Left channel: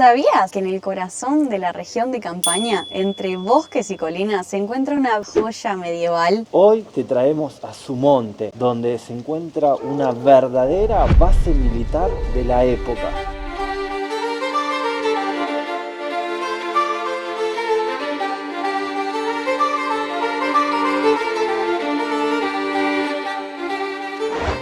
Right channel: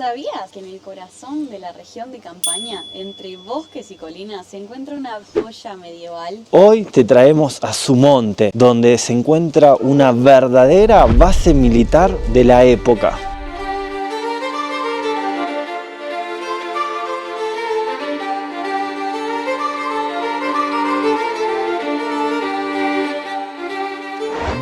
¿Sabías que en el corazón de la región de Campaña, entre bosques y colinas, se encuentra una joya medieval? Hoy te traemos a Sumonte, donde se encuentra una verdadera base militar de la época.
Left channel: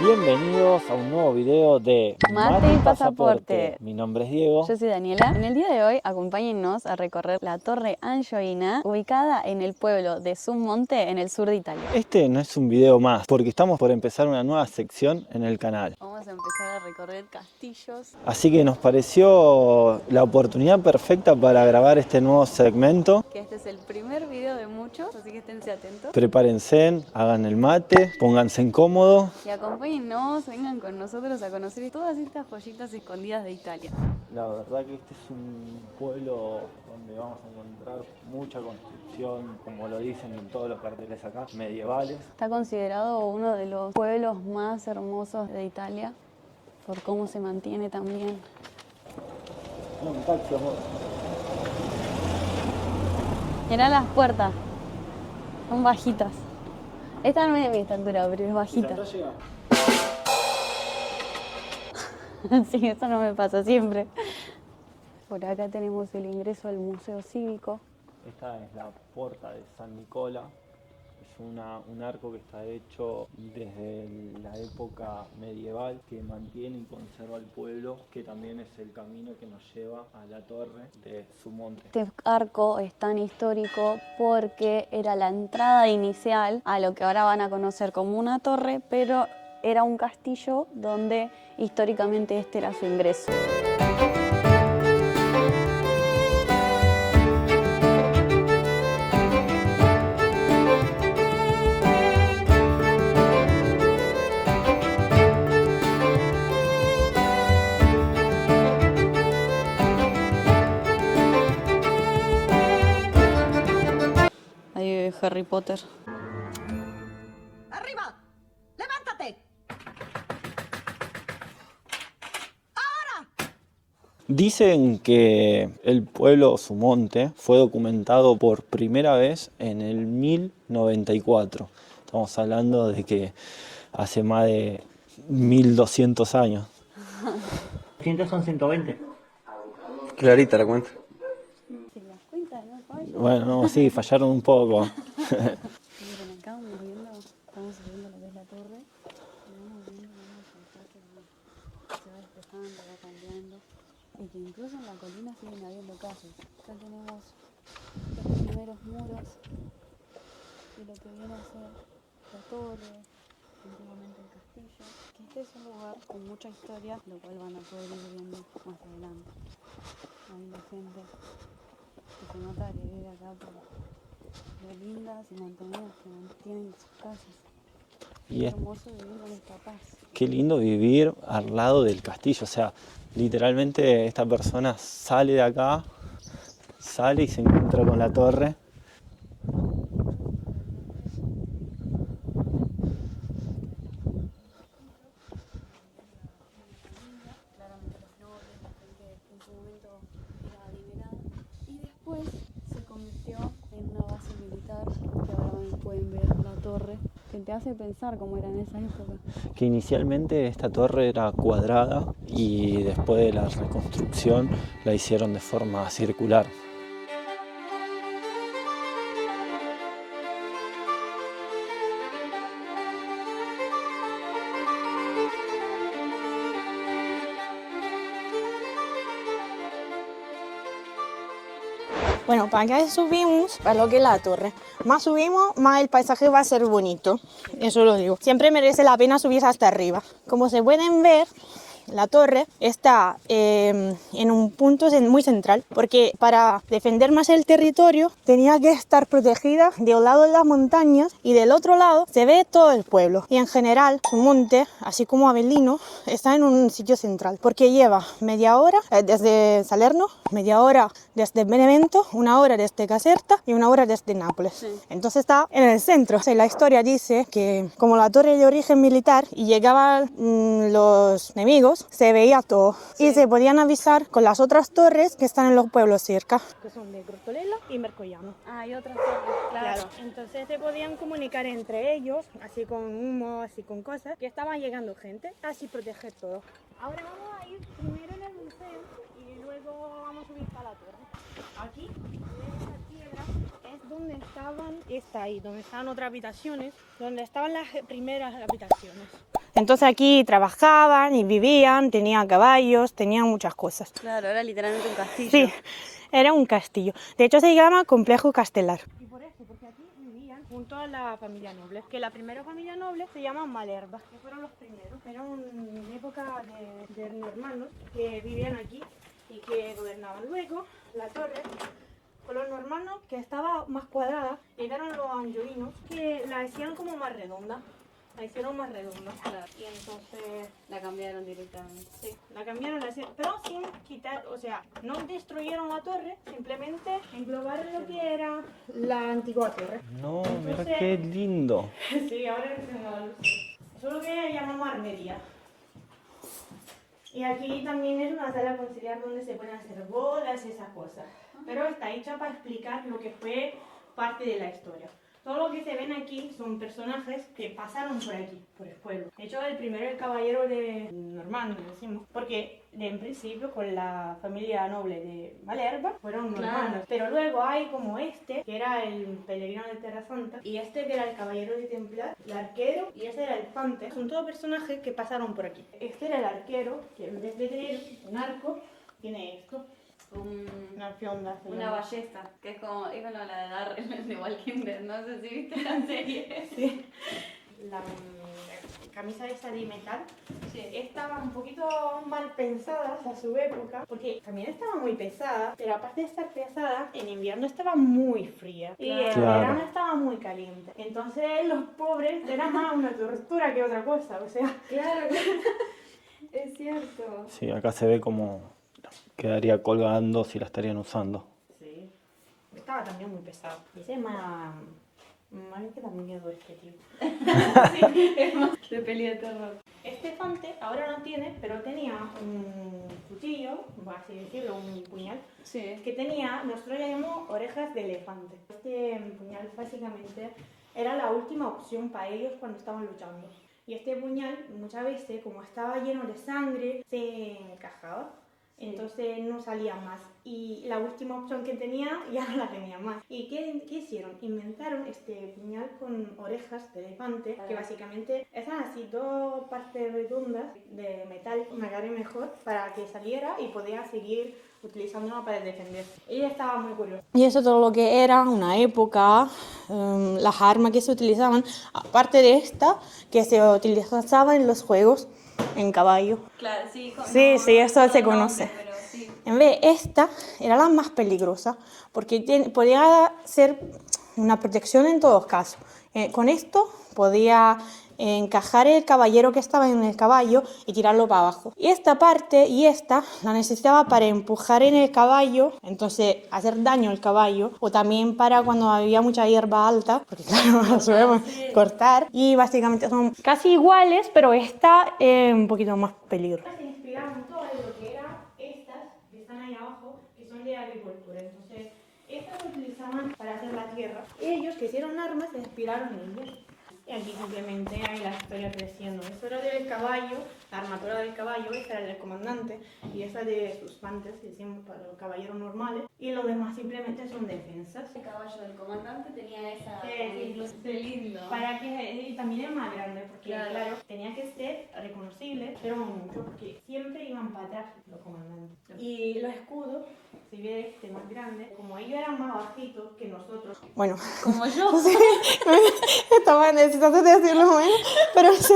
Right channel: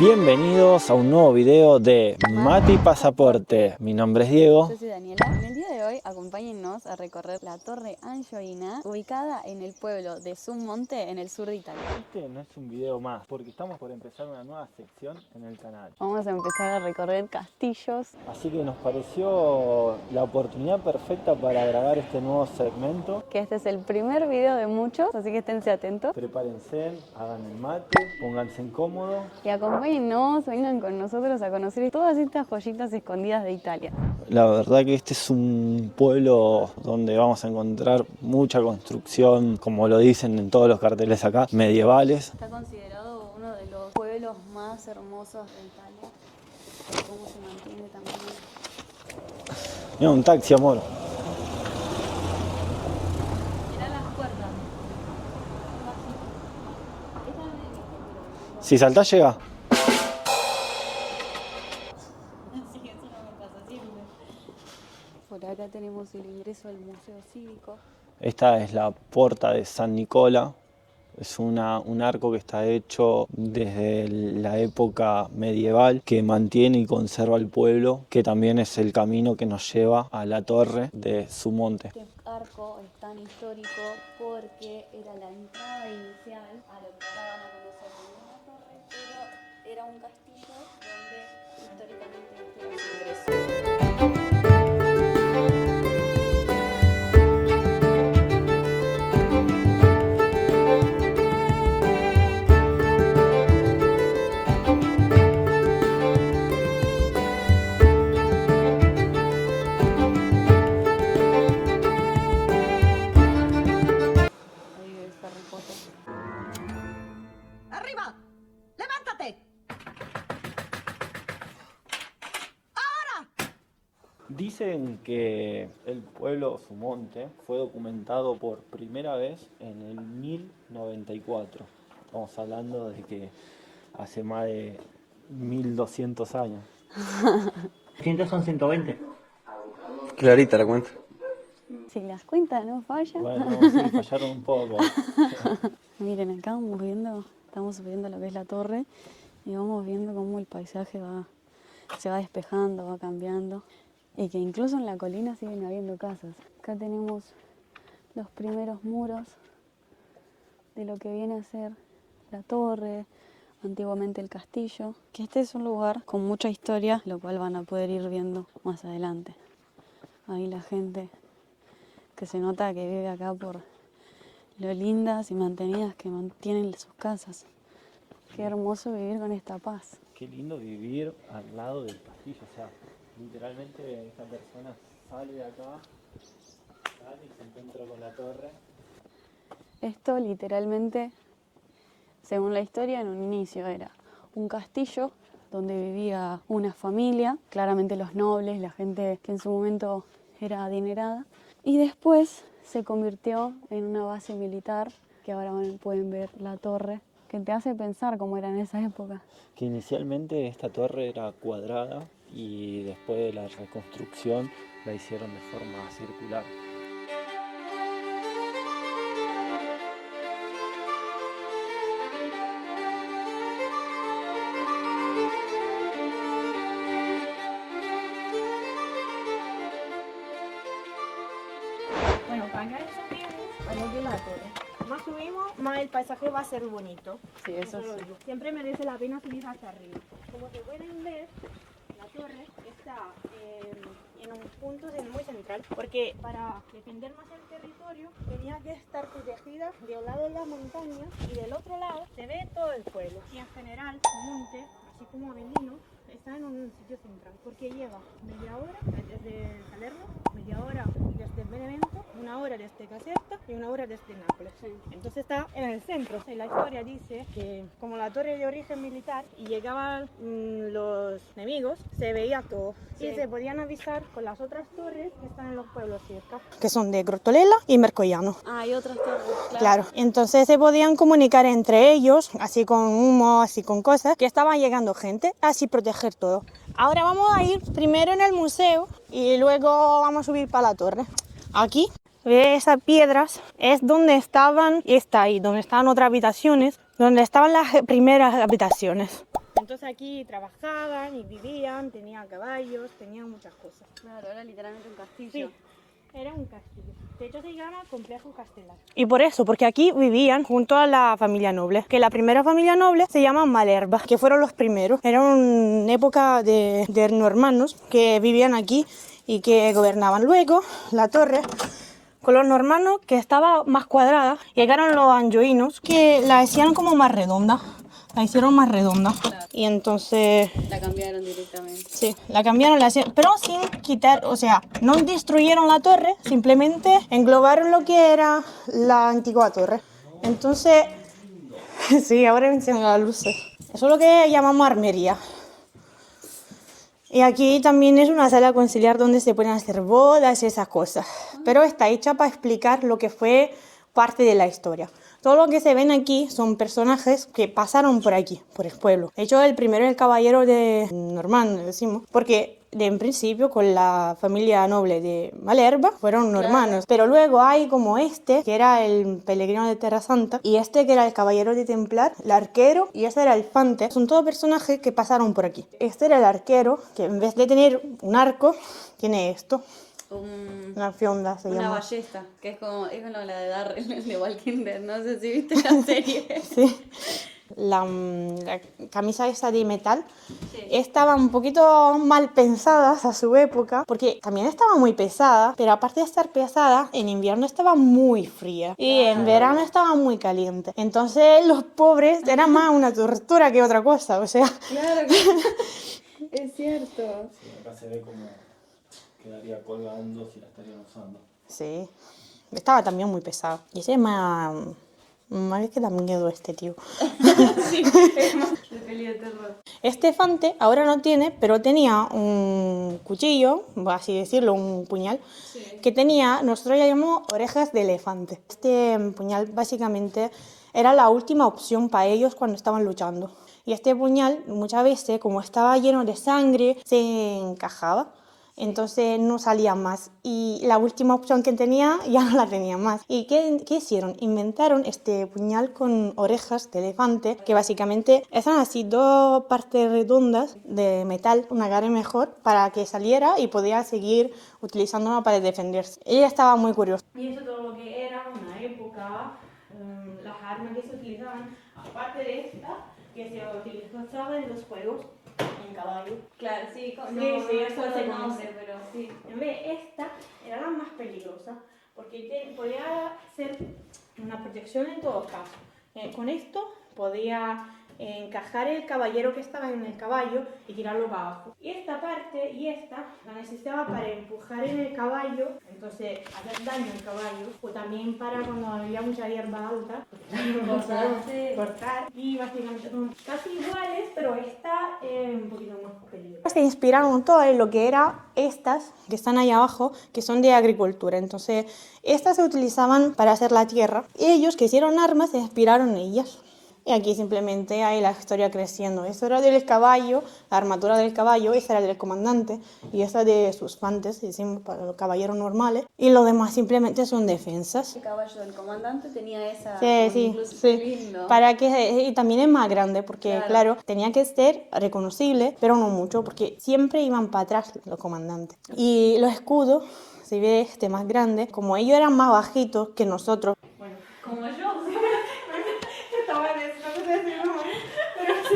Bienvenidos a un nuevo video de Mate y Pasaporte. Mi nombre es Diego. Yo soy Daniela. En el día de hoy, acompáñennos a recorrer la Torre Angioina, ubicada en el pueblo de Sumonte, en el sur de Italia. Este no es un video más, porque estamos por empezar una nueva sección en el canal. Vamos a empezar a recorrer castillos. Así que nos pareció la oportunidad perfecta para grabar este nuevo segmento. Que este es el primer video de muchos, así que esténse atentos. Prepárense, hagan el mate, pónganse en cómodo. Y acompáñennos, vengan con nosotros a conocer todas estas joyitas escondidas de Italia. La verdad que este es un pueblo donde vamos a encontrar mucha construcción, como lo dicen en todos los carteles acá, medievales. Está considerado uno de los pueblos más hermosos de Italia, por cómo se mantiene también. Mira, un taxi, amor. Mirá las puertas, son bajitas. Esta no es de mi estatura, pero es bajita. Si saltás, llega. Sí, eso no me pasa siempre. Por acá tenemos el ingreso al Museo Cívico. Esta es la Porta de San Nicola. Es un arco que está hecho desde la época medieval, que mantiene y conserva el pueblo, que también es el camino que nos lleva a la torre de Sumonte. Este arco es tan histórico porque era la entrada inicial a lo que ahora van a conocer como una torre, pero era un castillo donde históricamente este era su ingreso. Ahí vive Harry Potter. ¡Arriba! ¡Levántate! Dicen que el pueblo Sumonte fue documentado por primera vez en el 1094. Estamos hablando de que hace más de 1200 años. 100 son 120. Clarita la cuenta. Si las cuentas no fallan. Bueno, sí, fallaron un poco. Miren, acá estamos subiendo lo que es la torre y vamos viendo cómo el paisaje se va despejando, va cambiando. Y que incluso en la colina siguen habiendo casas. Acá tenemos los primeros muros de lo que viene a ser la torre, antiguamente el castillo. Que este es un lugar con mucha historia, lo cual van a poder ir viendo más adelante. Ahí la gente que se nota que vive acá por lo lindas y mantenidas que mantienen sus casas. Qué hermoso vivir con esta paz. Qué lindo vivir al lado del castillo. O sea, literalmente esta persona sale de acá, sale y se encuentra con la torre. Esto literalmente, según la historia, en un inicio era un castillo donde vivía una familia, claramente los nobles, la gente que en su momento era adinerada, y después se convirtió en una base militar, que ahora pueden ver la torre, que te hace pensar cómo era en esa época. Que inicialmente esta torre era cuadrada y después de la reconstrucción la hicieron de forma circular. Bueno, para acá subimos para lo que es la torre. Más subimos, más el paisaje va a ser bonito. Eso lo digo. Siempre merece la pena subir hasta arriba. Como se pueden ver, la torre está en un punto muy central, porque para defender más el territorio tenía que estar protegida de un lado de las montañas y del otro lado se ve todo el pueblo. Y en general, Sumonte, así como Avellino, está en un sitio central, porque lleva media hora desde Salerno, media hora desde Benevento, una hora desde Caserta y una hora desde Nápoles. Sí. Entonces está en el centro. O sea, la historia dice que como la torre de origen militar y llegaban los enemigos, ellos se veía todo y se podían avisar con las otras torres que están en los pueblos cerca, que son de Grotolela y Mercollano. Ah, hay otras torres, Claro, entonces se podían comunicar entre ellos, así con humo, así con cosas, que estaban llegando gente, así proteger todo. Ahora vamos a ir primero en el museo y luego vamos a subir para la torre. Aquí, ve esas piedras, es donde estaban, está ahí, donde estaban otras habitaciones, donde estaban las primeras habitaciones. Entonces aquí trabajaban y vivían, tenían caballos, tenían muchas cosas. Claro, era literalmente un castillo. Sí, era un castillo. De hecho se llama Complejo Castelar. Y por eso, porque aquí vivían junto a la familia noble. Que la primera familia noble se llama Malerba, que fueron los primeros. Era una época de normanos que vivían aquí y que gobernaban. Luego, la torre, con los normanos, que estaba más cuadrada, llegaron los anjoinos, que la hacían como más redonda. La hicieron más redonda. Claro. Y entonces... La cambiaron directamente. Sí, la cambiaron, pero sin quitar, o sea, no destruyeron la torre, simplemente englobaron lo que era la antigua torre. No, Entonces, qué lindo. sí, ahora enciendo las luces. Eso es lo que llamamos armería. Y aquí también es una sala conciliar donde se pueden hacer bodas y esas cosas. Pero está hecha para explicar lo que fue parte de la historia. Todo lo que se ven aquí son personajes que pasaron por aquí, por el pueblo. De hecho, el primero es el caballero de Normand, le decimos, porque en principio con la familia noble de Malerba fueron normanos. Pero luego hay como este, que era el peregrino de Terra Santa, y este que era el caballero de Templar, el arquero, y este era el fante. Son todos personajes que pasaron por aquí. Este era el arquero, que en vez de tener un arco, tiene esto. Una fionda se Una llama. ballesta, que es como la de Darrell, el de Walking Dead. No sé si viste la serie. Sí. La camisa esa de metal estaba un poquito mal pensadas a su época, porque también estaba muy pesada, pero aparte de estar pesada, en invierno estaba muy fría y en Claro. verano estaba muy caliente. Entonces los pobres era más una tortura que otra cosa, o sea... Claro, es cierto. Sí, acá se ve como quedaría colgando si la estarían usando. Sí, estaba también muy pesado. Y ese es más... Más que da miedo este tío. Sí, es más de peli de terror. Este fante ahora no tiene, pero tenía un cuchillo, así decirlo, un puñal, Sí. que tenía, nosotros le llamamos orejas de elefante. Este puñal básicamente era la última opción para ellos cuando estaban luchando. Y este puñal muchas veces, como estaba lleno de sangre, se encajaba. Entonces no salía más y la última opción que tenía ya no la tenía más. ¿Y qué hicieron? Inventaron este puñal con orejas de elefante, que básicamente eran así dos partes redondas de metal, una cara mejor, para que saliera y podía seguir utilizándola para defenderse. Ella estaba muy curiosa. Y eso todo lo que era una época, las armas que se utilizaban, aparte de esta, que se utilizaba en los juegos en caballo. Claro, sí. Sí, eso se conoce. Pero sí. En vez, esta era la más peligrosa porque podía ser una protección en todos casos. Con esto podía encajar el caballero que estaba en el caballo y tirarlo para abajo. Y esta parte y esta la necesitaba para empujar en el caballo, entonces hacer daño al caballo, o también para cuando había mucha hierba alta, porque claro, no sabemos cortar. Y básicamente son casi iguales, pero esta es un poquito más peligrosa. Se inspiraron todo en lo que eran estas que están ahí abajo, que son de agricultura. Entonces, estas se utilizaban para hacer la tierra. Ellos que hicieron armas se inspiraron en ellas. Y aquí simplemente hay la historia creciendo. Eso era del caballo, la armadura del caballo, esa era del comandante, y esa de sus fantes, decimos, para los caballeros normales. Y los demás simplemente son defensas. El caballo del comandante tenía esa... Sí. Lindo. Para que, y también es más grande, porque claro, tenía que ser reconocible, pero no mucho, porque siempre iban para atrás los comandantes. Y los escudos, si ves este más grande, como ellos eran más bajitos que nosotros, bueno... Como yo. Sí, estaba necesitando decirlo menos, pero sí,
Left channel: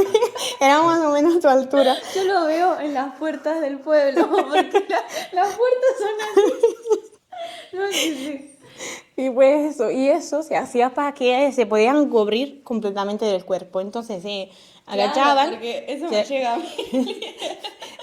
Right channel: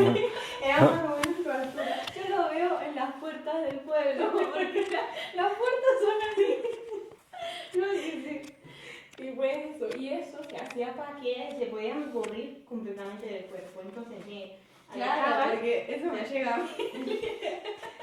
era más o menos tu altura. Yo lo veo en las puertas del pueblo, porque las puertas son así. No, sí. Y pues eso se hacía para que se podían cubrir completamente del cuerpo. Entonces se agachaban. Claro, porque eso se- me llega a mí.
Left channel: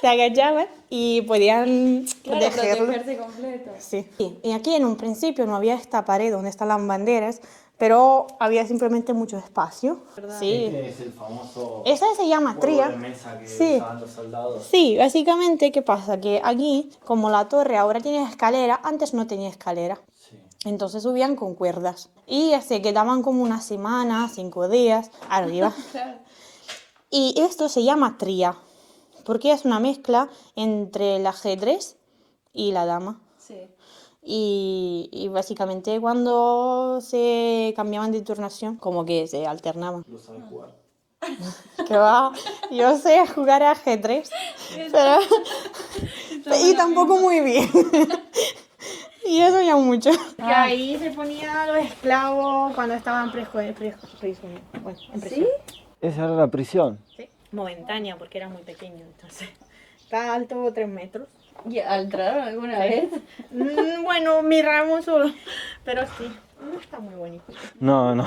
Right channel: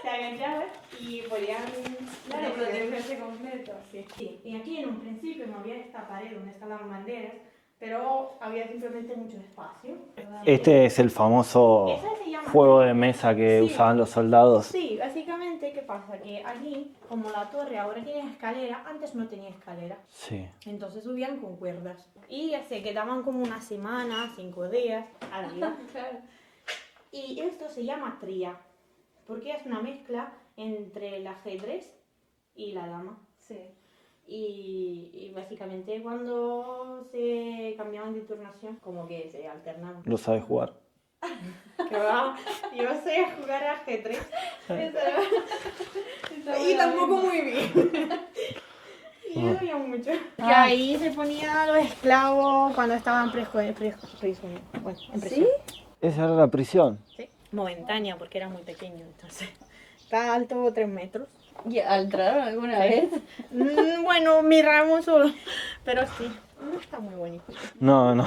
se agachaban y podían protegerlo. protegerse completo. Sí. Y aquí en un principio no había esta pared donde están las banderas, pero había simplemente mucho espacio. Sí. Este es el famoso Esa se llama juego tría. de mesa que Sí. usaban los soldados. Sí, básicamente, ¿qué pasa? Que aquí, como la torre ahora tiene escalera, antes no tenía escalera. Sí. Entonces subían con cuerdas. Y se quedaban como una semana, 5 días arriba. Y esto se llama tría, porque es una mezcla entre el ajedrez y la dama. Sí. Y básicamente cuando se cambiaban de turnación, como que se alternaban. Lo sabes jugar. Que va, yo sé jugar a ajedrez, pero y tampoco muy bien. Y eso ya mucho. Ahí se ponían los esclavos cuando estaban prisioneros. Bueno, en prisión. Esa era la prisión. Sí. Momentánea, porque era muy pequeño, entonces. Está alto 3 metros. ¿Ya entraron alguna vez? Bueno, miramos solo, pero sí, no está muy bonito. No, no.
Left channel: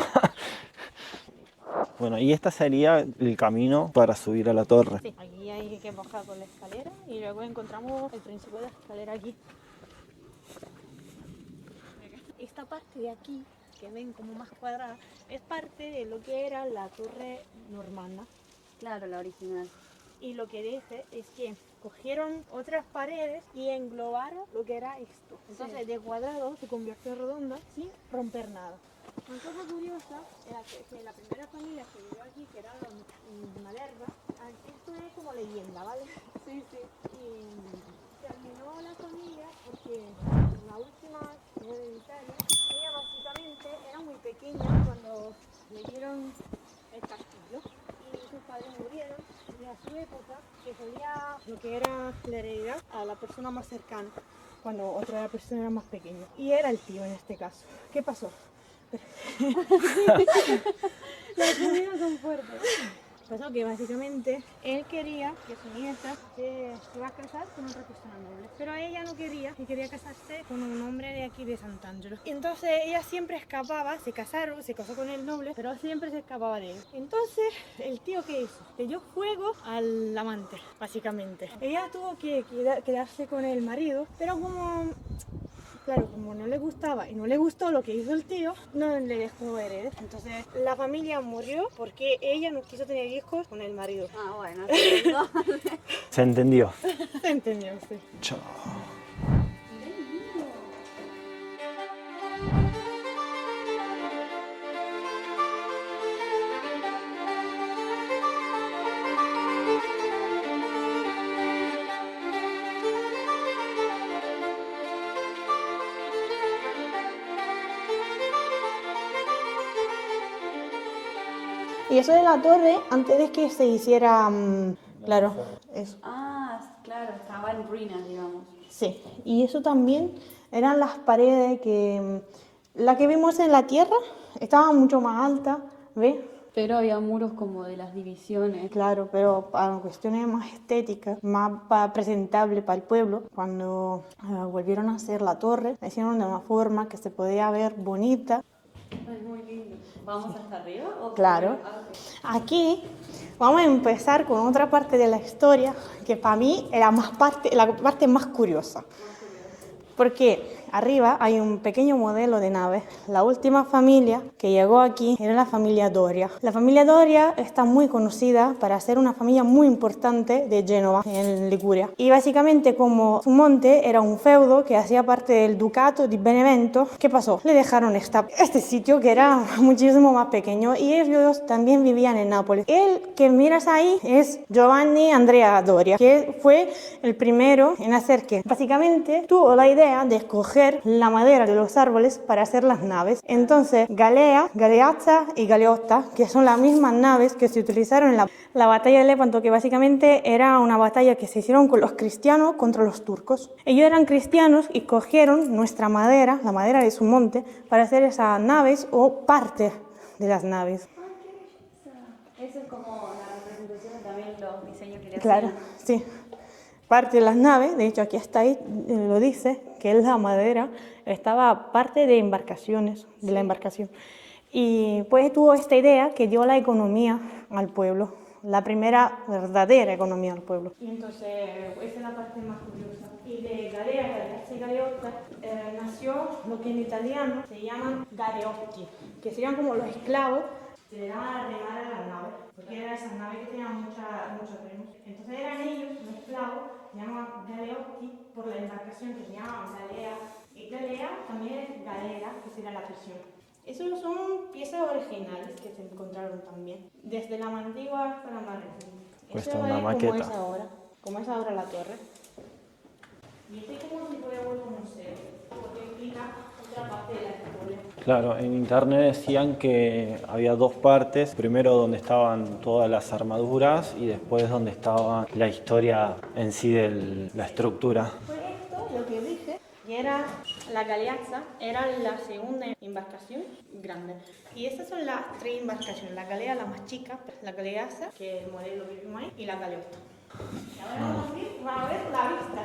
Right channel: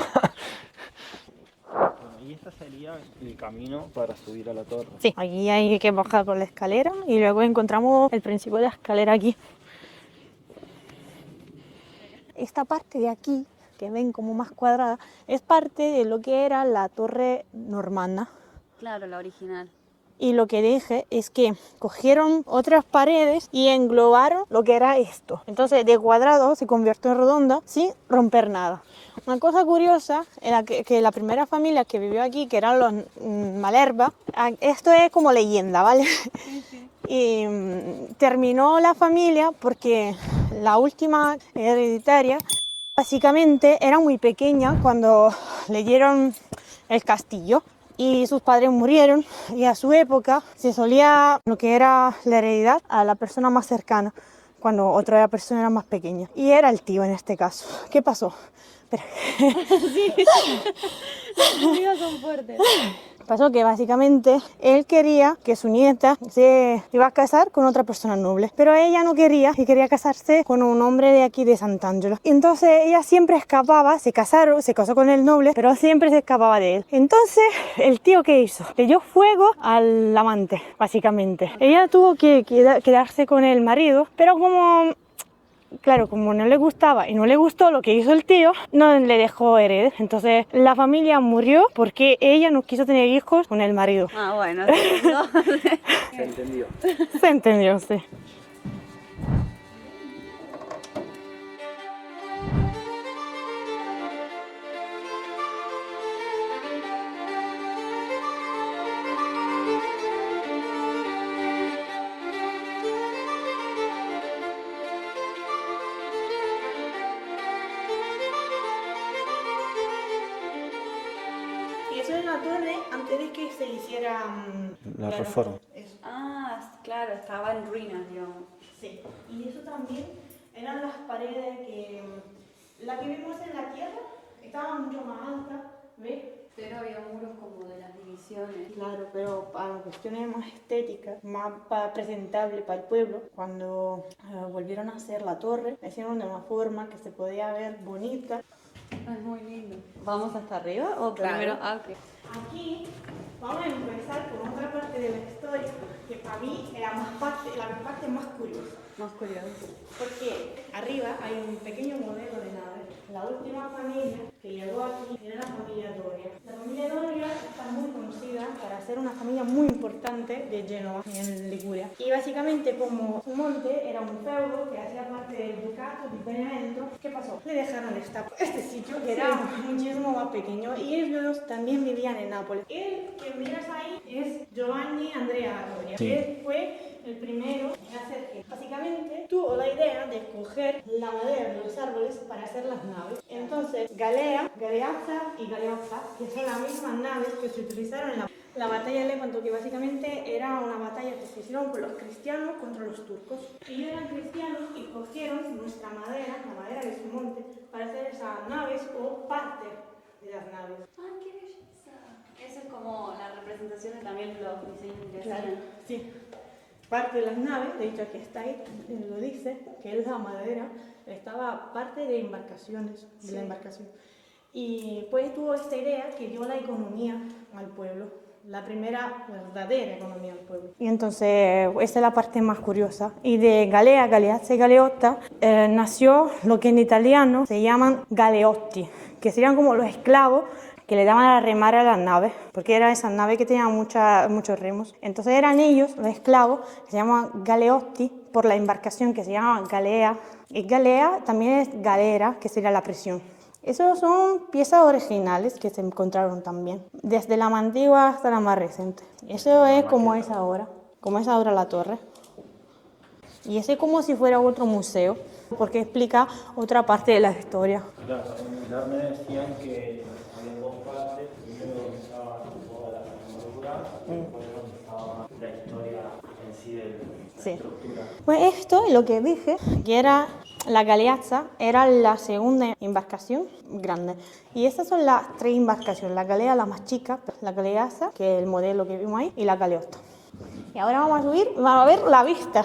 Bueno, y este sería el camino para subir a la torre. Sí, aquí hay que bajar por la escalera y luego encontramos el principio de la escalera aquí. Esta parte de aquí, que ven como más cuadrada, es parte de lo que era la torre normanda. Claro, la original. Y lo que dije es que cogieron otras paredes y englobaron lo que era esto. Entonces de cuadrado se convirtió en redonda sin romper nada. Una cosa curiosa era que la primera familia que vivió aquí, que eran los Malerba, esto es como leyenda, ¿vale? Y terminó la familia porque la última hereditaria básicamente era muy pequeña cuando leyeron el castillo. Y sus padres murieron y a su época se solía lo que era la heredidad a la persona más cercana, cuando otra persona era más pequeña. Y era el tío en este caso. ¿Qué pasó? Las comidas son fuertes. Pasó que básicamente él quería que su nieta se iba a casar con otra persona noble, pero ella no quería y quería casarse con un hombre de aquí de Sant'Angelo. Entonces ella siempre escapaba, se casó con el noble, pero siempre se escapaba de él. Entonces el tío, ¿qué hizo? Le dio fuego al amante, básicamente. Ella tuvo que quedarse con el marido, pero claro, como no le gustaba y no le gustó lo que hizo el tío, no le dejó heredes. Entonces la familia murió porque ella no quiso tener hijos con el marido. Ah, bueno. Se entendió. Se entendió, sí. Chao. Y eso de la torre, antes de que se hiciera, La claro, reforma. eso. Ah, claro, estaba en ruinas, digamos. Sí, y eso también eran las paredes la que vimos en la tierra, estaba mucho más alta, ¿ves? Pero había muros como de las divisiones. Claro, pero para cuestiones más estéticas, más presentables para el pueblo, cuando volvieron a hacer la torre, la hicieron de una forma que se podía ver bonita. Ay, muy lindo. ¿Vamos hasta arriba o Claro. primero? Ah, ok. Aquí vamos a empezar con otra parte de la historia que para mí era la parte más curiosa. Más curioso. Porque arriba hay un pequeño modelo de nave. La última familia que llegó aquí era la familia Doria. La familia Doria está muy conocida para ser una familia muy importante de Génova, en Liguria. Y básicamente como su monte era un feudo que hacía parte del ducato de Benevento, ¿qué pasó? Le dejaron este sitio que era muchísimo más pequeño y ellos también vivían en Nápoles. El que miras ahí es Giovanni Andrea Doria, que fue el primero en hacer que básicamente tuvo la idea de escoger la madera de los árboles para hacer las naves. Entonces, galea, galeazza y galeotta, que son las mismas naves que se utilizaron en la batalla de Lepanto, que básicamente era una batalla que se hicieron con los cristianos contra los turcos. Ellos eran cristianos y cogieron nuestra madera, la madera de su monte, para hacer esas naves o parte de las naves. ¡Ay, qué belleza! Eso es como la representación de también los diseños que Claro, sí. Parte de las naves, de hecho aquí está ahí, lo dice, que es la madera, estaba parte de embarcaciones, de la embarcación. Y pues tuvo esta idea que dio la economía al pueblo. la primera verdadera economía del pueblo. Y entonces esa es la parte más curiosa. Y de galea, galeazza y galeotta nació lo que en italiano se llaman galeotti, que serían como los esclavos que le daban a remar a las naves, porque eran esas naves que tenían muchos remos. Entonces eran ellos, los esclavos, que se llaman galeotti por la embarcación que se llama galea. Y galea también es galera, que sería la prisión. Esos son piezas originales que se encontraron también, desde la más antigua hasta la más reciente. Eso es como es ahora la torre. Y ese es como si fuera otro museo, porque explica otra parte de la historia. Claro, en internet decían que había dos partes, primero donde estaban todas las armaduras y después donde estaba la historia en sí de la estructura. Pues esto es lo que dije, que era la galeazza, era la segunda embarcación grande. Y estas son las tres embarcaciones, la galea la más chica, la galeazza, que es el modelo que vimos ahí, y la galeotta. Y ahora vamos a subir y vamos a ver la vista.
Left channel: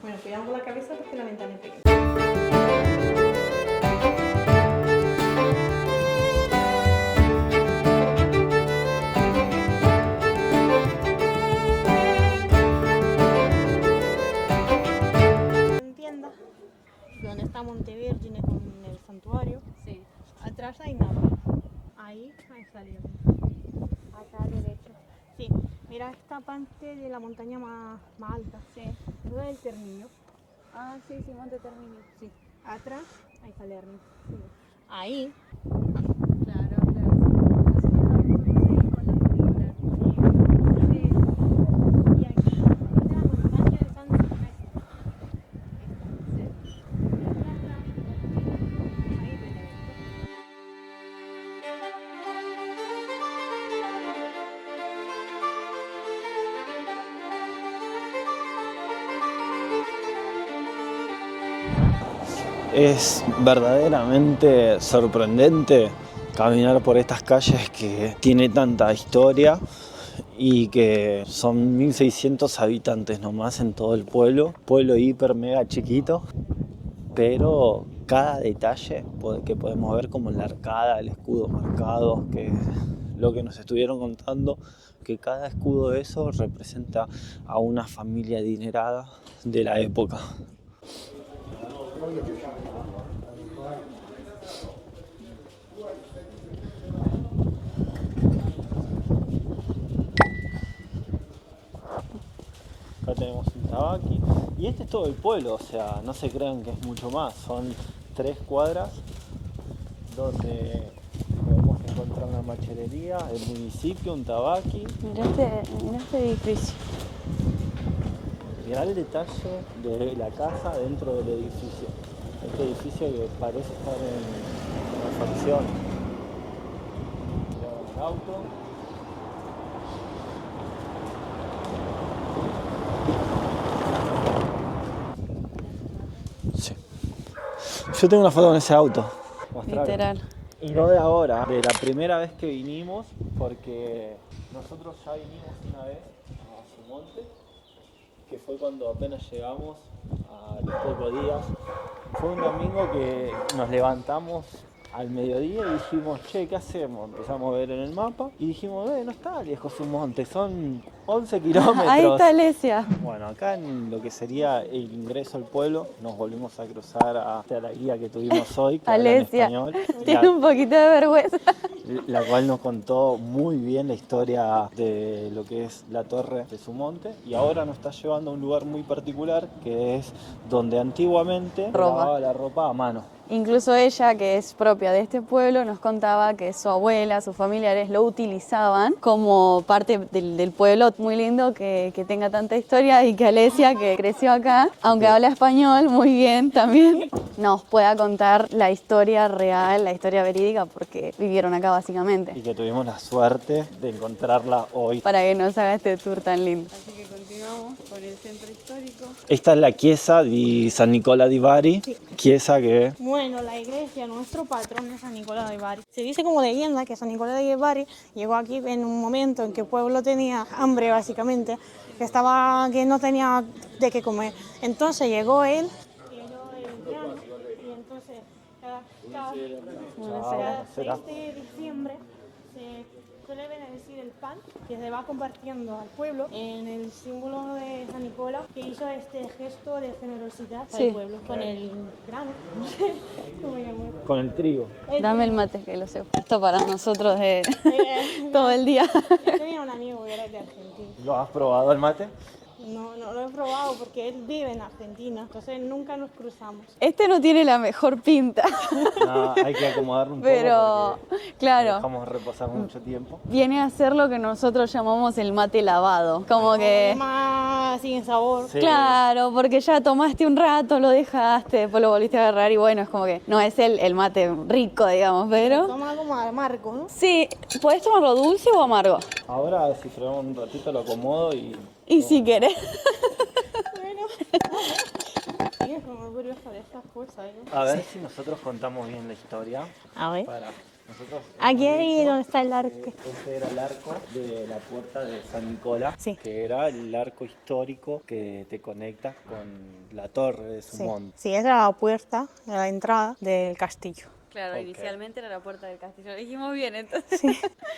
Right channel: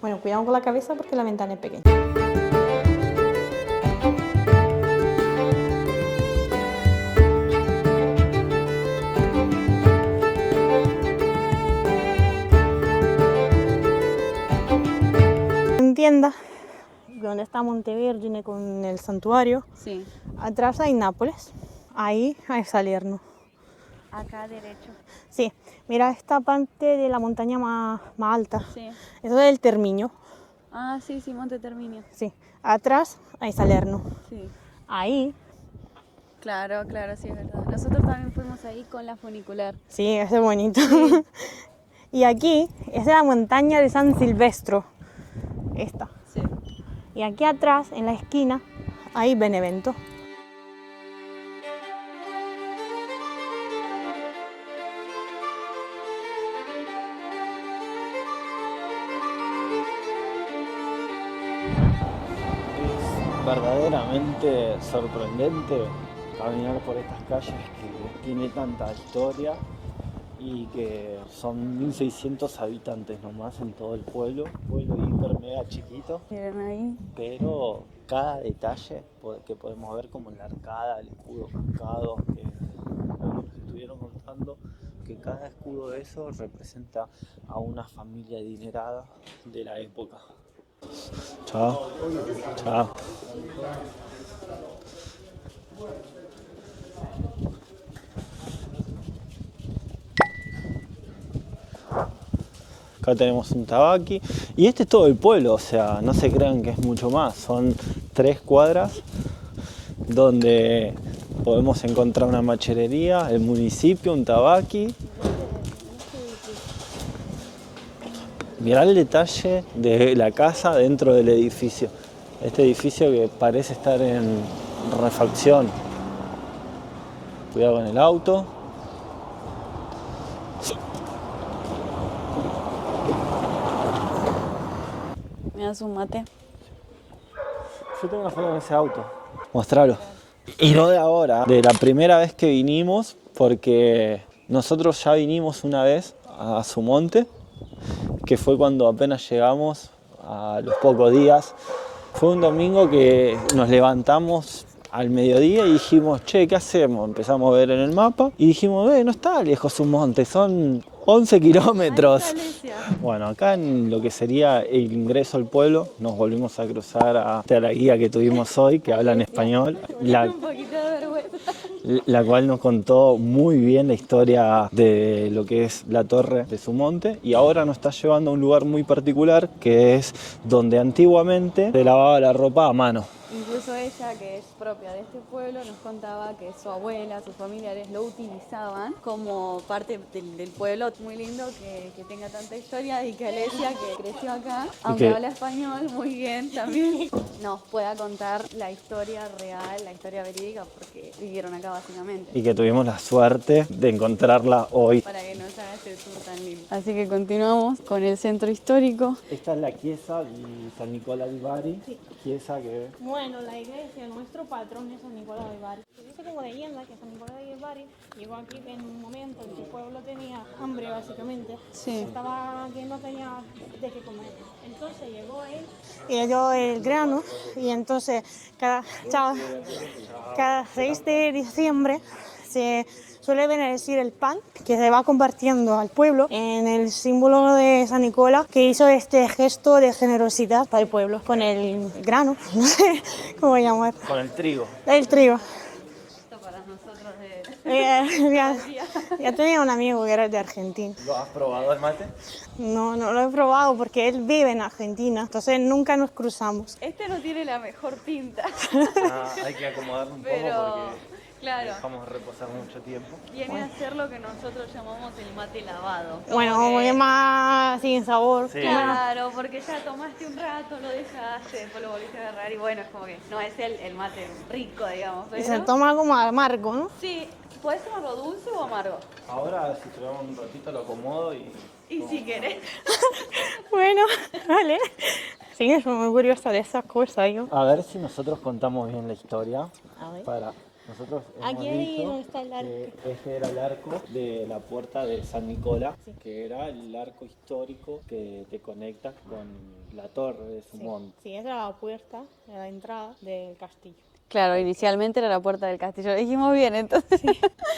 Bueno, cuidado con la cabeza porque la ventana es pequeña. En tienda, donde está Montevergine con el santuario, Sí, atrás hay Nápoles, ahí hay Salerno. acá derecho. Sí, mira esta parte de la montaña más alta. Sí. Eso es el Termiño. Ah, sí, Monte Terminio. Sí, atrás hay Salerno. Sí. Ahí, Claro, sí, es verdad. Nosotros también fuimos ahí con la funicular. sí, ese es bonito. Y aquí, esa es la montaña de San Silvestro. Esta. Sí. Y aquí atrás, en la esquina, hay Benevento. Es verdaderamente sorprendente caminar por estas calles que tiene tanta historia y que son 1600 habitantes nomás en todo el pueblo hiper mega chiquito, Miren ahí. pero cada detalle que podemos ver, como la arcada, el escudo marcado, que lo que nos estuvieron contando, que cada escudo de esos representa a una familia adinerada de la época. Chao. Chao. Acá tenemos un tabaqui y este es todo el pueblo, o sea, no se crean que es mucho más, son 3 cuadras donde podemos encontrar una macherería, el municipio, un tabaqui. Mirá este edificio. Mirá el detalle de la casa dentro del edificio. Este edificio que parece estar en refacción. Cuidado con el auto. ¿Me das un mate? Sí. Yo tengo una foto con ese auto. Mostrarlo. Literal. Y no de ahora, de la primera vez que vinimos, porque nosotros ya vinimos una vez a Sumonte, que fue cuando apenas llegamos a los pocos días. Fue un domingo que nos levantamos al mediodía y dijimos, che, ¿qué hacemos? Empezamos a ver en el mapa y dijimos, no está lejos Sumonte, son 11 kilómetros. Ahí está Alesia. Bueno, acá en lo que sería el ingreso al pueblo, nos volvimos a cruzar a la guía que tuvimos hoy, que habla en Alesia. español. Tiene un poquito de vergüenza. La cual nos contó muy bien la historia de lo que es la torre de Sumonte y ahora nos está llevando a un lugar muy particular que es donde antiguamente se lavaba la ropa a mano. Incluso ella, que es propia de este pueblo, nos contaba que su abuela, sus familiares lo utilizaban como parte del pueblo. Muy lindo que tenga tanta historia y que Alesia, que creció acá, aunque habla español muy bien también, nos pueda contar la historia real, la historia verídica, porque vivieron acá básicamente. Y que tuvimos la suerte de encontrarla hoy. Para que nos haga este tour tan lindo. Así que continuamos con el centro histórico. Esta es la chiesa di San Nicola di Bari, chiesa que... Bueno, la iglesia, nuestro patrón es San Nicolás de Bari. Se dice como leyenda que San Nicolás de Bari llegó aquí en un momento en que el pueblo tenía hambre, básicamente, Sí. que no tenía de qué comer. Entonces llegó él y le dio el grano y entonces cada 6 de diciembre se suele bendecir el pan que se va compartiendo al pueblo en el símbolo de San Nicolás, que hizo este gesto de generosidad para el pueblo, con el grano, no sé cómo llamar. Con el trigo. El Dame trigo. el mate, que lo sé. Esto para nosotros es Ya, todo el día. ya tenía un amigo que era de Argentina. ¿Lo has probado el mate? No lo he probado porque él vive en Argentina, entonces nunca nos cruzamos. Este no tiene la mejor pinta, Hay que acomodarlo un pero poco claro, porque dejamos reposar mucho tiempo. viene a ser lo que nosotros llamamos el mate lavado. Como Bueno, que, es más sin sabor. Sí. claro, porque ya tomaste un rato, lo dejaste, después lo volviste a agarrar y bueno, es como que no es el mate rico, digamos, Se pero... toma como amargo, ¿no? Sí, ¿podés tomarlo dulce o amargo? Ahora, si probamos un ratito, lo acomodo y... Y si querés. Bueno, vale. Sí, es muy curiosa de esas cosas yo. A ver si nosotros contamos bien la historia. A ver. Para nosotros Aquí hemos ahí dicho donde está el arco. que este era el arco de la puerta de San Nicolás, Sí. que era el arco histórico que te conecta con la torre de Sí. Sumón. Sí, esa era la puerta de la entrada del castillo. Claro, inicialmente era la puerta del castillo. Lo dijimos bien, entonces.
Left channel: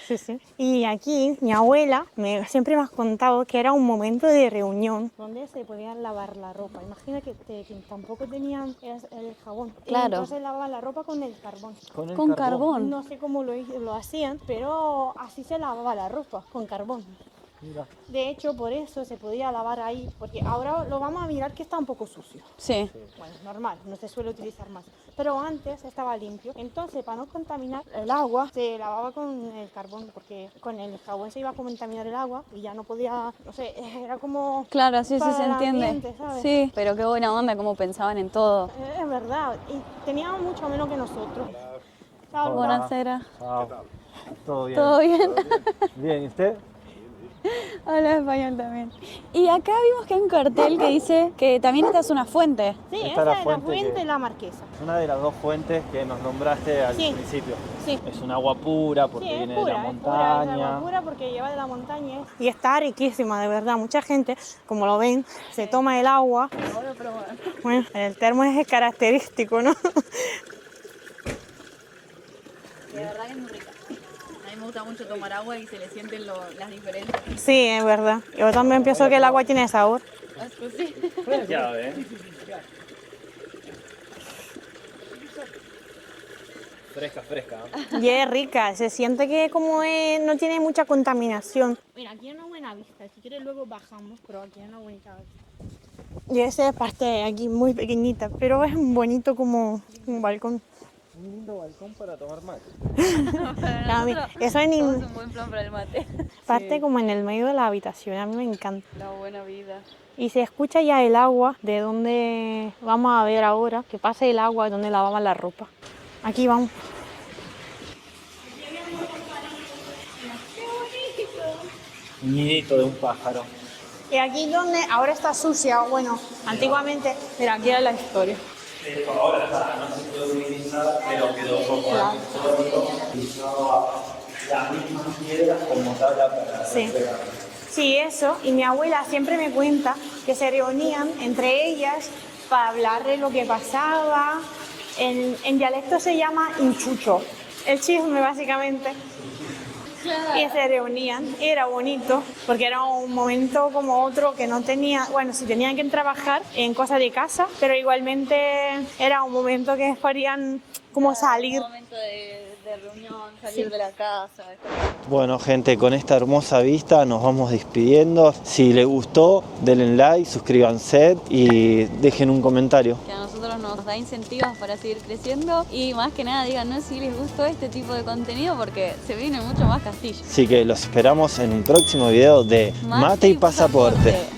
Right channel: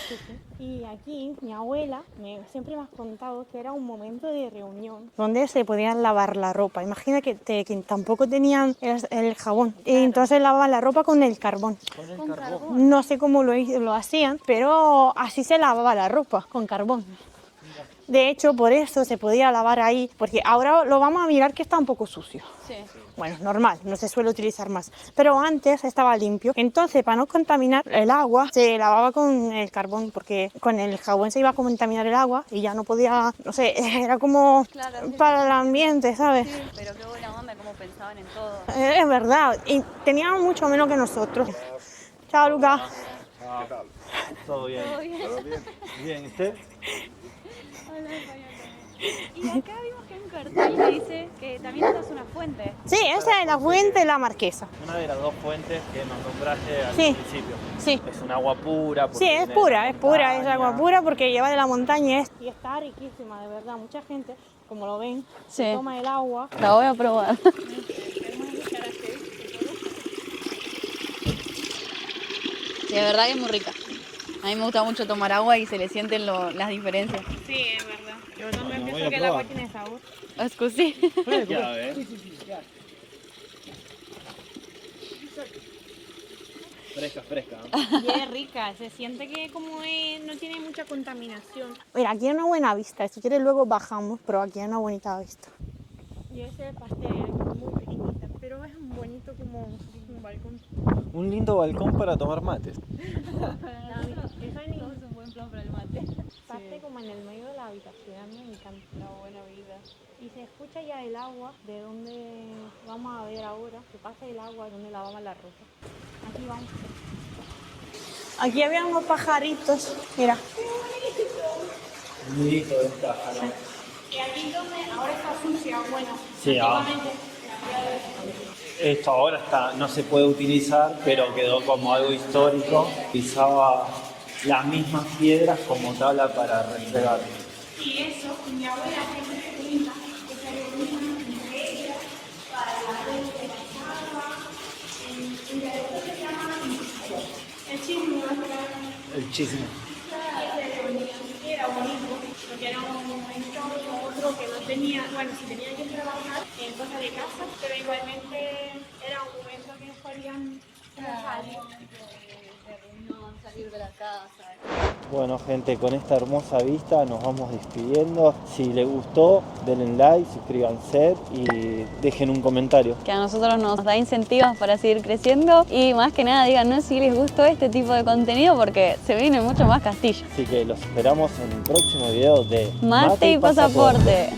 Sí, sí. Y aquí mi abuela siempre me ha contado que era un momento de reunión donde se podían lavar la ropa. Imagínate que tampoco tenían el jabón. Y Claro. entonces lavaban la ropa con el carbón. Con carbón. No sé cómo lo hacían, pero así se lavaba la ropa, con carbón. De hecho, por eso se podía lavar ahí, porque ahora lo vamos a mirar que está un poco sucio. Sí. Bueno, normal, no se suele utilizar más. Pero antes estaba limpio. Entonces, para no contaminar el agua, se lavaba con el carbón, porque con el jabón se iba a contaminar el agua y ya no podía, no sé, era como Claro, sí, para sí, se el entiende. ambiente, ¿sabes? Sí, pero qué buena onda, cómo pensaban en todo. Es verdad, y tenían mucho menos que nosotros. Chao, Lucas. Buonasera. ¿Todo bien? ¿Todo bien? Bien, ¿y usted? Habla español también. Y acá vimos que hay un cartel que dice que también esta es una fuente. Sí, Esta esa es es la la fuente fuente que- de la Marquesa. Una de las dos fuentes que nos nombraste al Sí. principio. Sí. Es un agua pura. porque Sí, viene es de pura, la es pura, es montaña. agua pura porque lleva de la montaña y está riquísima, de verdad. Mucha gente, como lo ven, se Sí. toma el agua. La voy a probar. Bueno, el termo es característico, ¿no? Sí, de verdad que es muy rica. A mí me gusta mucho tomar agua y se le sienten las diferencias. Sí, es verdad. Yo también pienso que el agua tiene sabor. Scusi. Ya ves. Fresca, fresca. ¿no? Y es rica, se siente que como no tiene mucha contaminación. Mira, aquí hay una buena vista, si quieres luego bajamos, pero aquí hay una bonita vista. Y esa es parte de aquí muy pequeñita, pero es bonito como un balcón. Un lindo balcón para tomar mate. A mí, eso es un buen plan para el mate. parte como en el medio de la habitación, a mí me encanta. La buena vida. Y se escucha ya el agua de donde vamos a ver ahora, que pasa el agua de donde lavaban la ropa. Aquí vamos. Aquí había unos pajaritos, mira. Un nidito de un pájaro. Y aquí donde ahora está sucia, bueno, Sí, antiguamente, mira, aquí era la historia. Esto ahora no se puede utilizar, pero quedó como algo histórico. Pisaba las mismas piedras como tabla para Sí. regar. Sí, eso. Y mi abuela siempre me cuenta que se reunían entre ellas para hablar de lo que pasaba. En dialecto se llama inchucho. El chisme, básicamente. El chisme. Y se reunían, era bonito, porque era un momento como otro que no tenía, bueno, sí tenían que trabajar en cosas de casa, pero igualmente era un momento que podían como salir. Un momento de reunión, salir de la casa. Bueno, gente, con esta hermosa vista nos vamos despidiendo. Si les gustó, denle like, suscríbanse y dejen un comentario. Que a nosotros nos da incentivos para seguir creciendo y más que nada díganos si les gustó este tipo de contenido porque se viene mucho más Castillo. Así que los esperamos en el próximo video de Mate y pasaporte.